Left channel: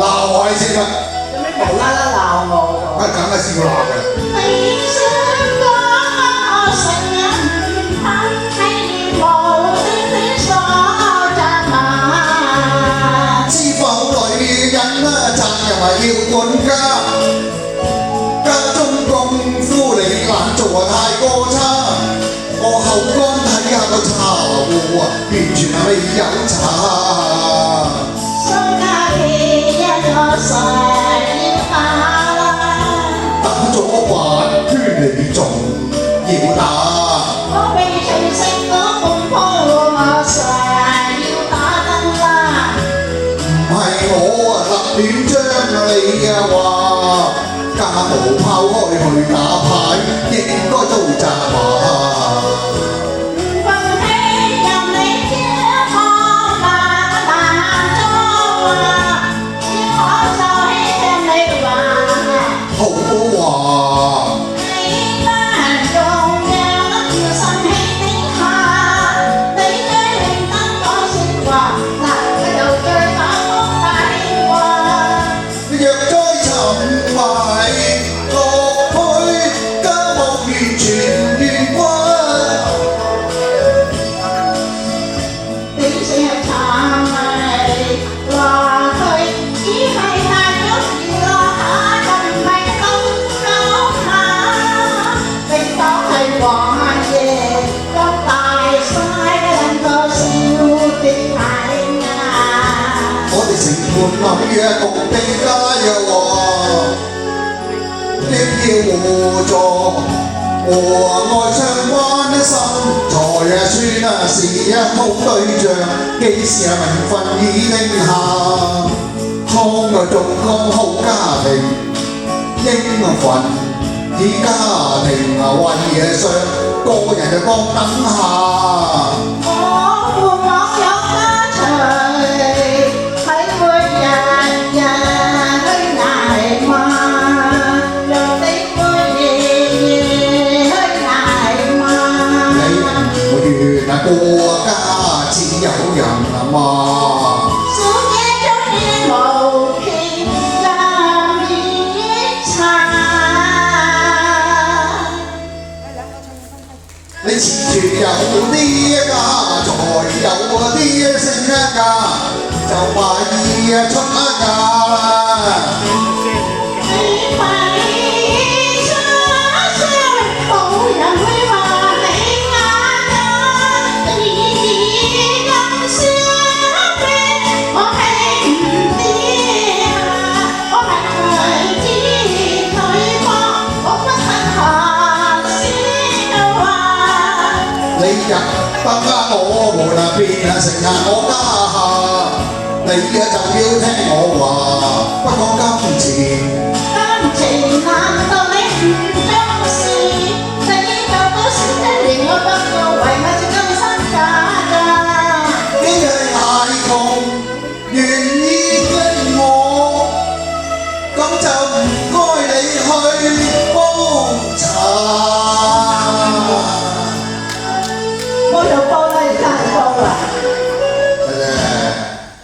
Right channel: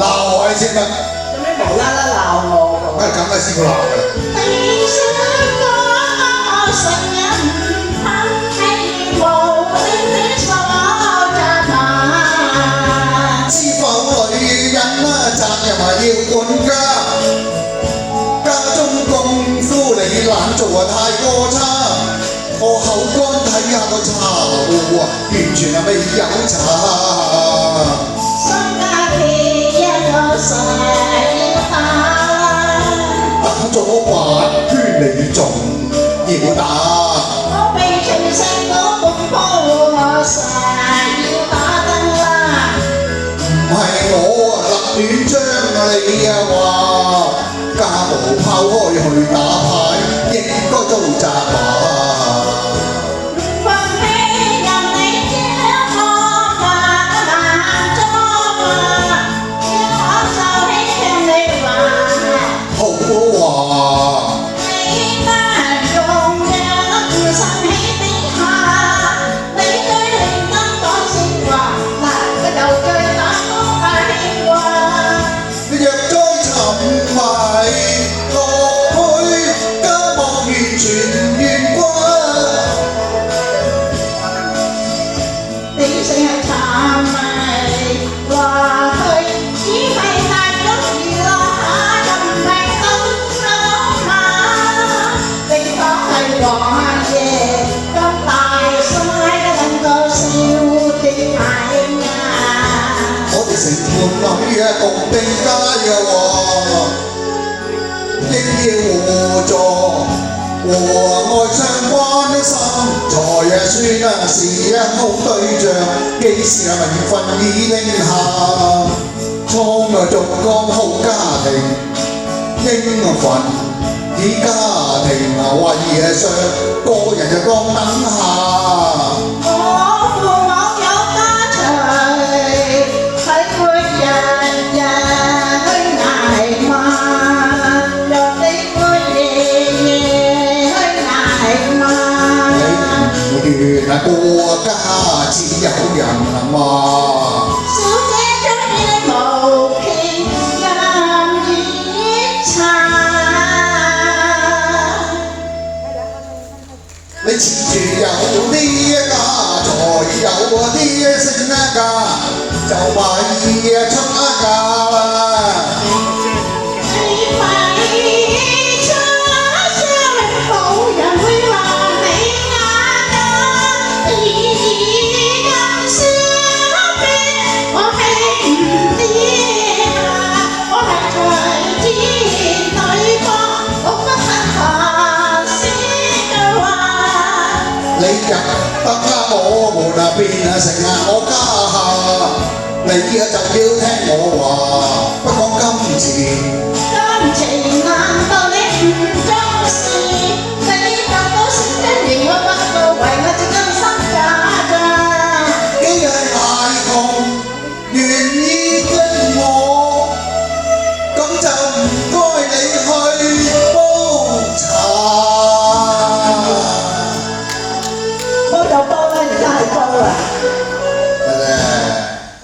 鬧我先得。做咩無啦啦鬧我？梗係試過鬧㗎啦。你想我成日唔肯係無端端所責罵。知否女人啊，責任要管家，家中功夫你懶做太過差。我口乾睇下個茶壺啊，完全係未有茶。商家企一個細打。打咗8圈你仲要打？我被情聖嗰共鋪，我實要打燈啦。唔係我啊立亂將你啊話，家無拋開去打牌，應該遭責罵。城門裏啊，共地街啊喎，應要互助，和愛相關的心財啊，算啊是啊好對象，幾時啊名分已定下，倉啊重光好家庭，應份以家庭啊為上，個人就各等下。過家只有人罵，小姐中意無情咁熱茶。你恃住有啲家財，有啲性家，就咪出嫁啦。你入得我門啊，變啊成啊我家下，你啊就要聽我話，不講金錢。金錢難道你唔